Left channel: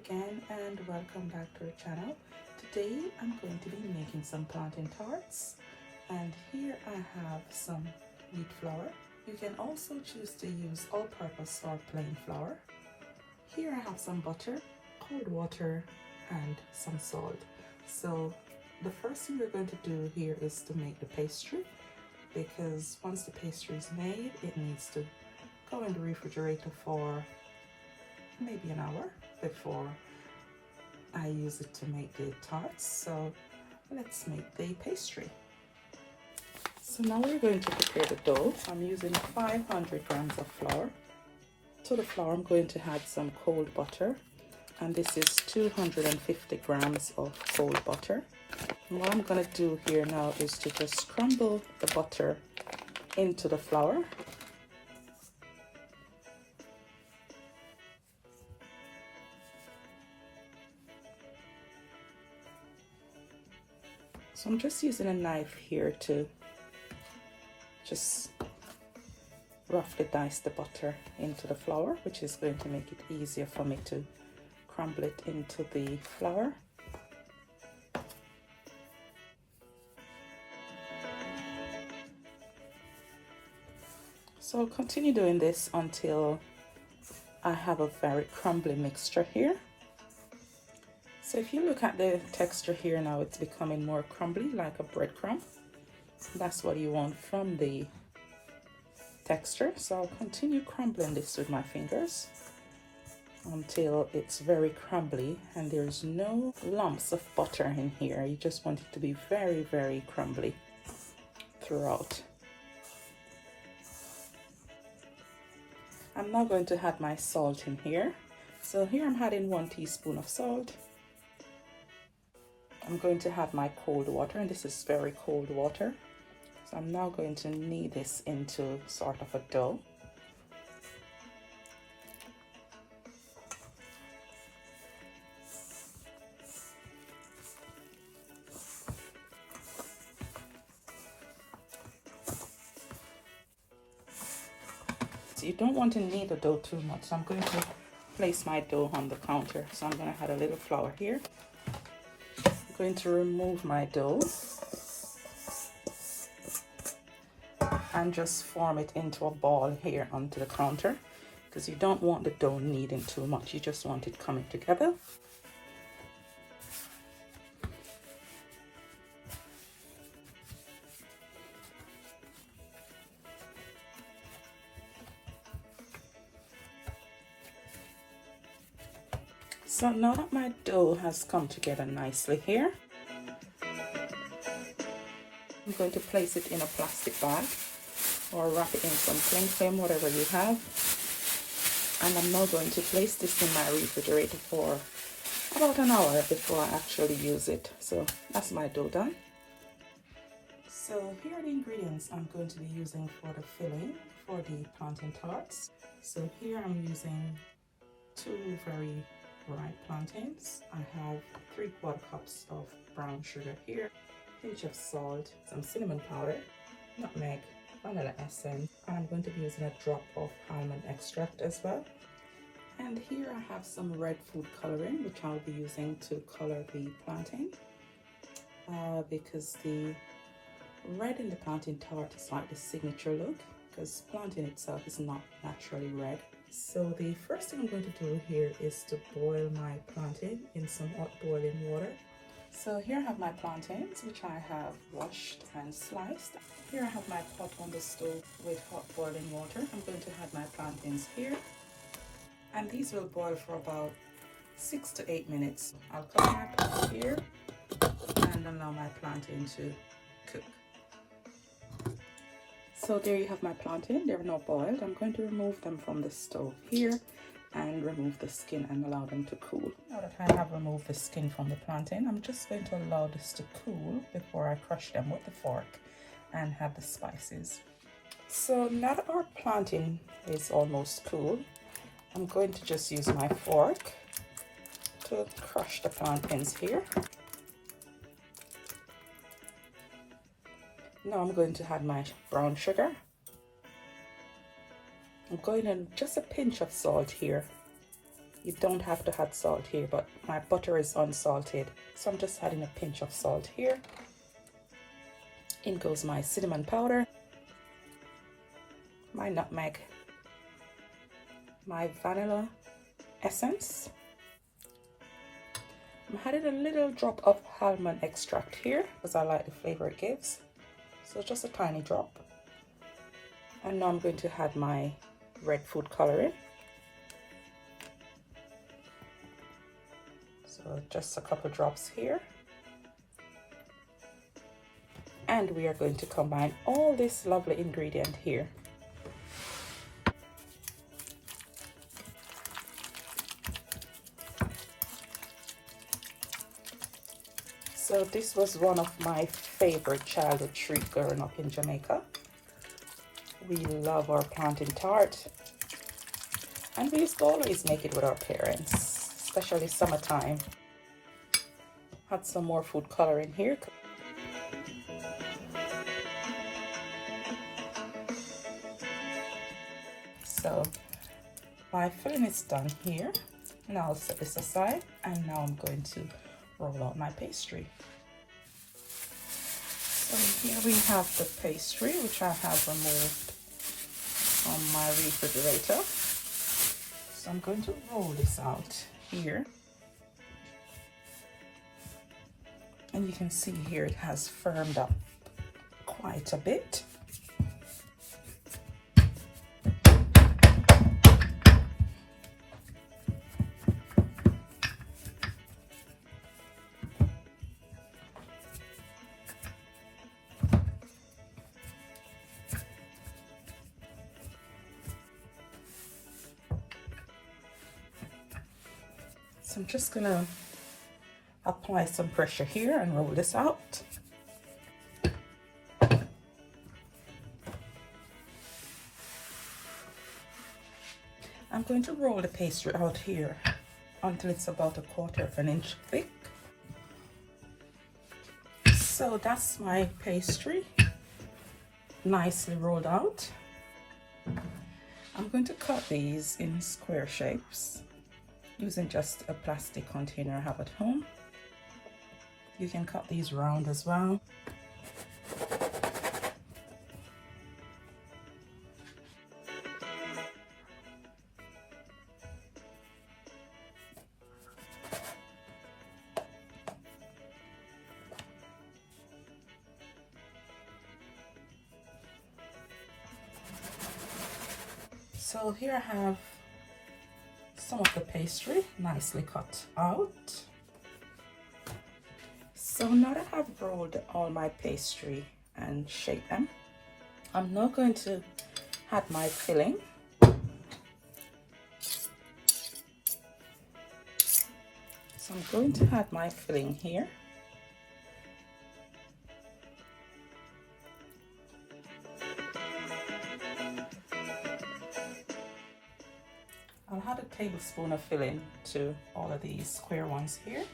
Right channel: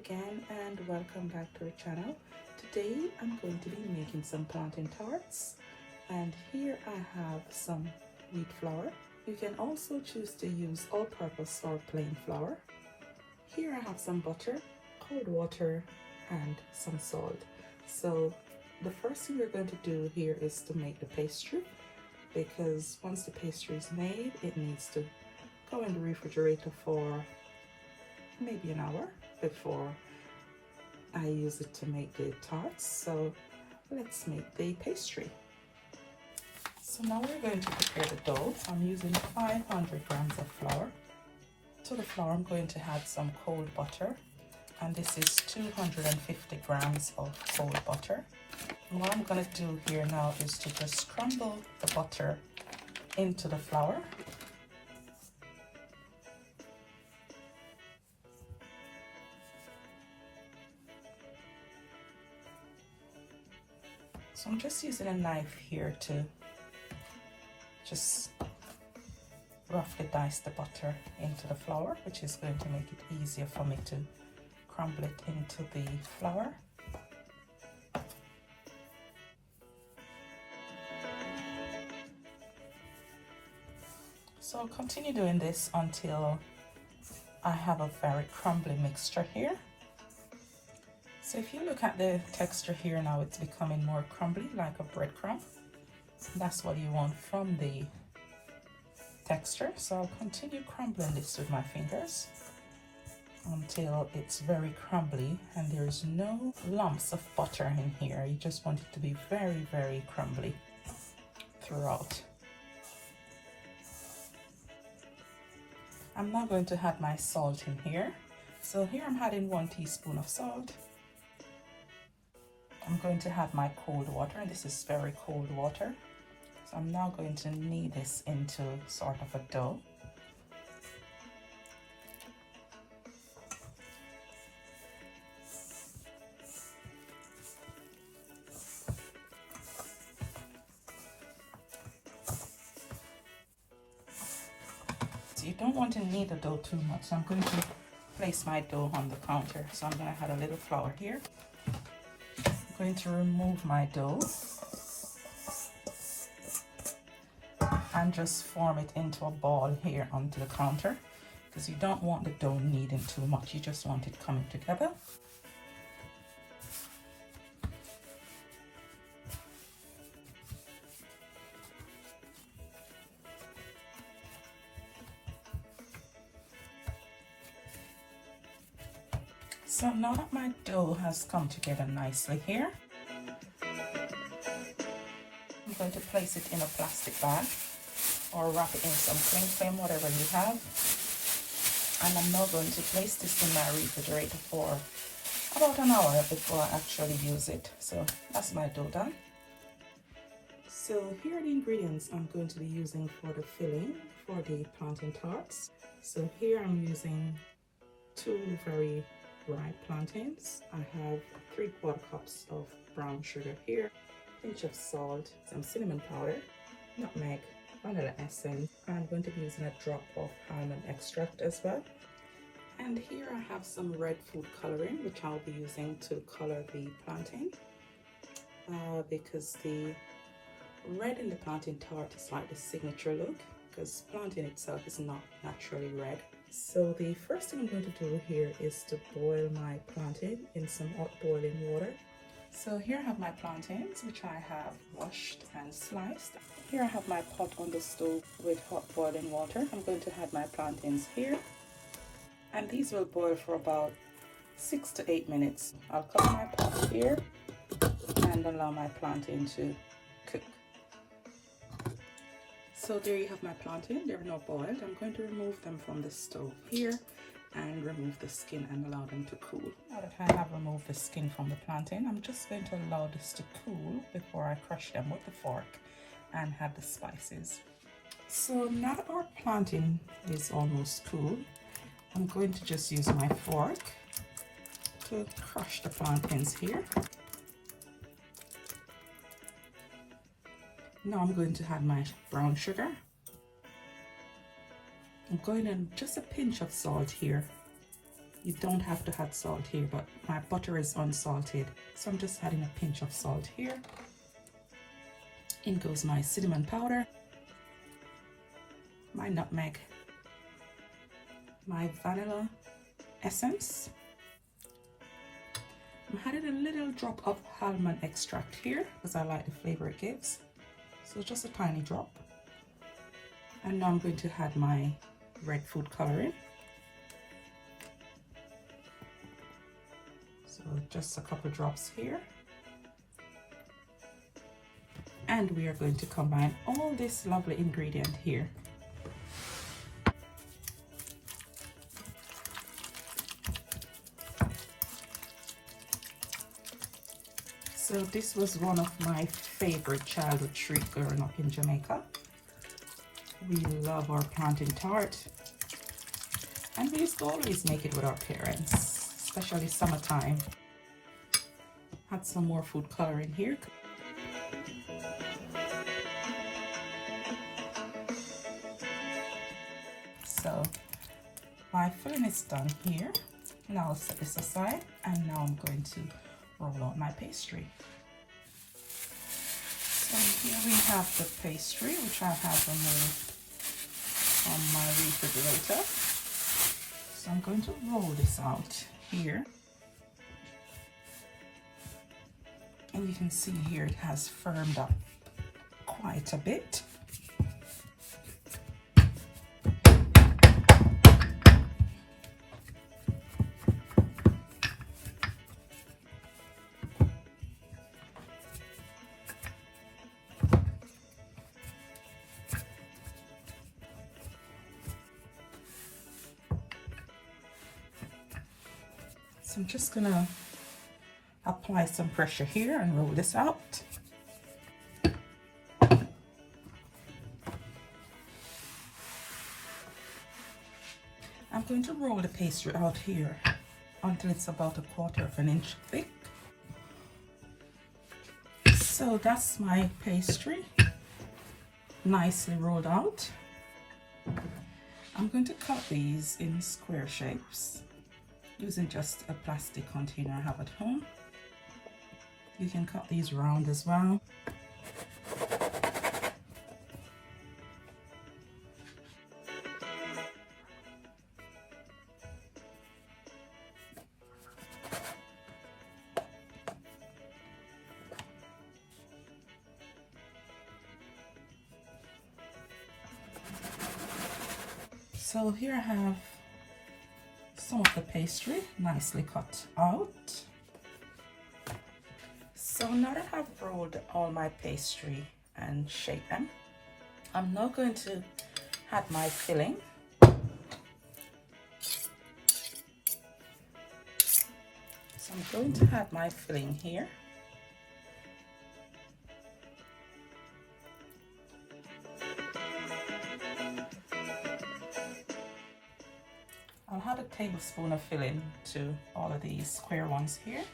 again and welcome back to the channel. Today I'm going to be making some plantain tarts, and here I have some wheat flour. You can also choose to use all-purpose or plain flour. Here I have some butter, cold water and some salt. So the first thing we're going to do here is to make the pastry, because once the pastry is made it needs to go in the refrigerator for maybe an hour before I use it to make the tarts. So let's make the pastry. So now we're going to prepare the dough. I'm using 500 grams of flour. To the flour I'm going to add some cold butter, and this is 250 grams of cold butter. And what I'm going to do here now is to just crumble the butter into the flour. So I'm just using a knife here to just roughly dice the butter into the flour, which is going to make it easier for me to crumble it into the flour. So I'll continue doing this until I have a very crumbly mixture here. So if you look at the texture here now, it's becoming more crumbly, like a breadcrumb. That's what you want from the texture. So I'll continue crumbling this with my fingers until it's very crumbly and there's no lumps of butter in here. You just want it to be very, very crumbly throughout. I'm now going to add my salt in here. So here I'm adding 1 teaspoon of salt. I'm going to add my cold water, and this is very cold water. So I'm now going to knead this into sort of a dough. So you don't want to knead the dough too much. So I'm going to place my dough on the counter. So I'm going to add a little flour here. I'm going to remove my dough and just form it into a ball here onto the counter, because you don't want the dough kneading too much, you just want it coming together. So now that my dough has come together nicely here, I'm going to place it in a plastic bag or wrap it in some cling film, whatever you have. And I'm now going to place this in my refrigerator for about an hour before I actually use it. So that's my dough done. So here are the ingredients I'm going to be using for the filling for the plantain tarts. So here I'm using 2 very ripe plantains. I have 3/4 cups of brown sugar here, a pinch of salt, some cinnamon powder, nutmeg, vanilla essence. I'm going to be using a drop of almond extract as well. And here I have some red food coloring, which I'll be using to color the plantain, because the red in the plantain tart is like the signature look, because plantain itself is not naturally red. So the first thing I'm going to do here is to boil my plantain in some hot boiling water. So here I have my plantains, which I have washed and sliced. Here I have my pot on the stove with hot boiling water. I'm going to add my plantains here, and these will boil for about 6 to 8 minutes. I'll cover my pot here and allow my plantain to cook. So there you have my plantain. They're now boiled. I'm going to remove them from the stove here and remove the skin and allow them to cool. Now that I have removed the skin from the plantain, I'm just going to allow this to cool before I crush them with the fork and add the spices. So now that our plantain is almost cool, I'm going to just use my fork to crush the plantains here. Now I'm going to add my brown sugar. I'm going in just a pinch of salt here You don't have to add salt here, but my butter is unsalted, so I'm just adding a pinch of salt here. In goes my cinnamon powder, my nutmeg, my vanilla essence. I'm adding a little drop of almond extract here because I like the flavor it gives, so just a tiny drop. And now I'm going to add my red food coloring. So just a couple drops here. And we are going to combine all this lovely ingredient here. So this was one of my favorite childhood treats growing up in Jamaica. We love our plantain tart, and we used to always make it with our parents, especially summertime. Add some more food coloring here. So my filling is done here. Now I'll set this aside, and now I'm going to roll out my pastry. So here we have the pastry, which I have removed from my refrigerator. So I'm going to roll this out here. And you can see here it has firmed up quite a bit. So I'm just gonna apply some pressure here and roll this out. I'm going to roll the pastry out here until it's about 1/4 inch thick. So that's my pastry, nicely rolled out. I'm going to cut these in square shapes using just a plastic container I have at home. You can cut these round as well. So here I have some of the pastry nicely cut out. So now that I've rolled all my pastry and shaped them, I'm now going to add my filling. So I'm going to add my filling here. I'll add a tablespoon of filling to all of these square ones here.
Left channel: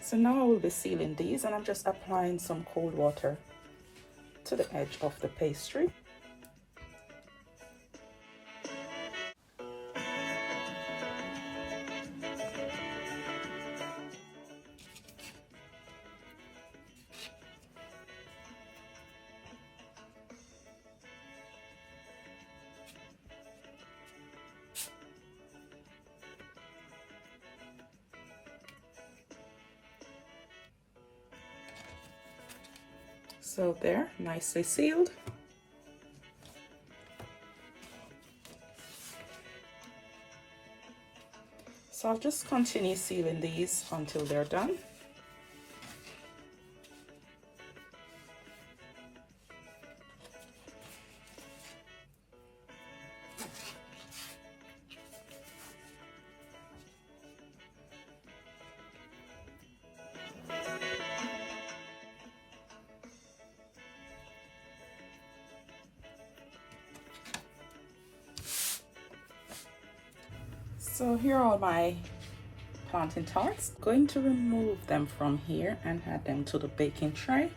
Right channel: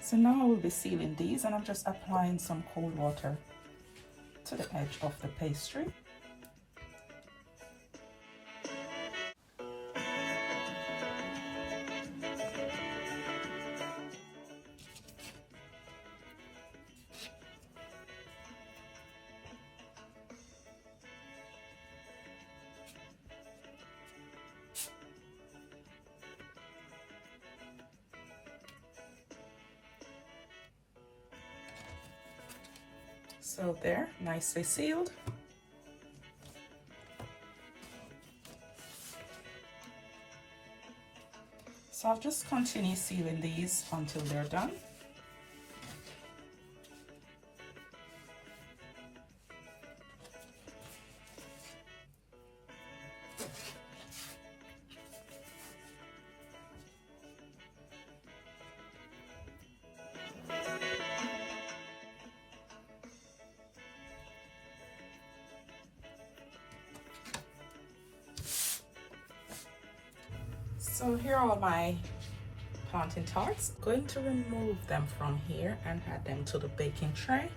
So now I will be sealing these, and I'm just applying some cold water to the edge of the pastry. So there, nicely sealed. So I'll just continue sealing these until they're done. So here are all my plantain tarts. Going to remove them from here and add them to the baking tray.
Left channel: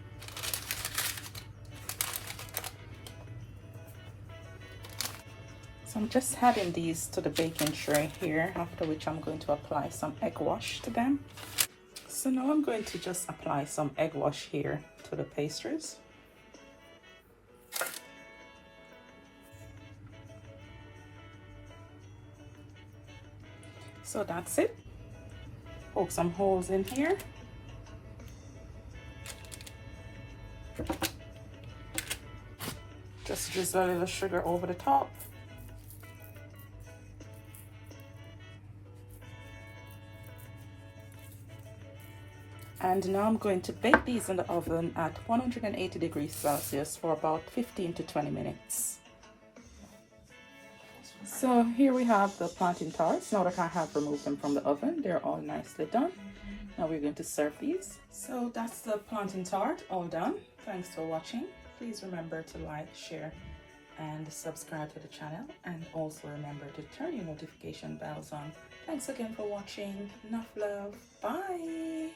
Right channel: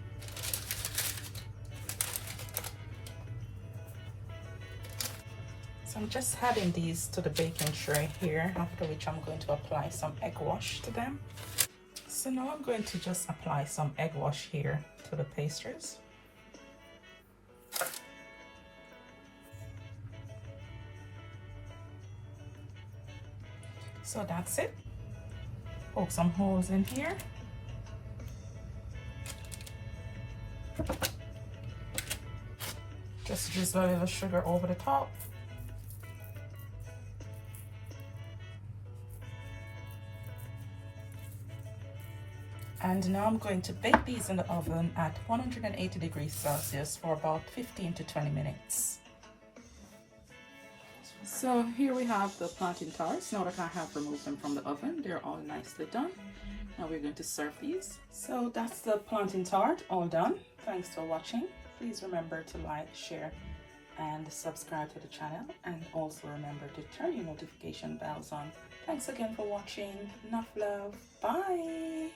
So I'm just adding these to the baking tray here, after which I'm going to apply some egg wash to them. So now I'm going to just apply some egg wash here to the pastries. So that's it. Poke some holes in here. Just drizzle a little sugar over the top. And now I'm going to bake these in the oven at 180 degrees Celsius for about 15 to 20 minutes. So here we have the plantain tarts. Now that I have removed them from the oven, they're all nicely done. Now we're going to serve these. So that's the plantain tart all done. Thanks for watching. Please remember to like, share, and subscribe to the channel, and also remember to turn your notification bells on. Thanks again for watching. Nuff Love. Bye.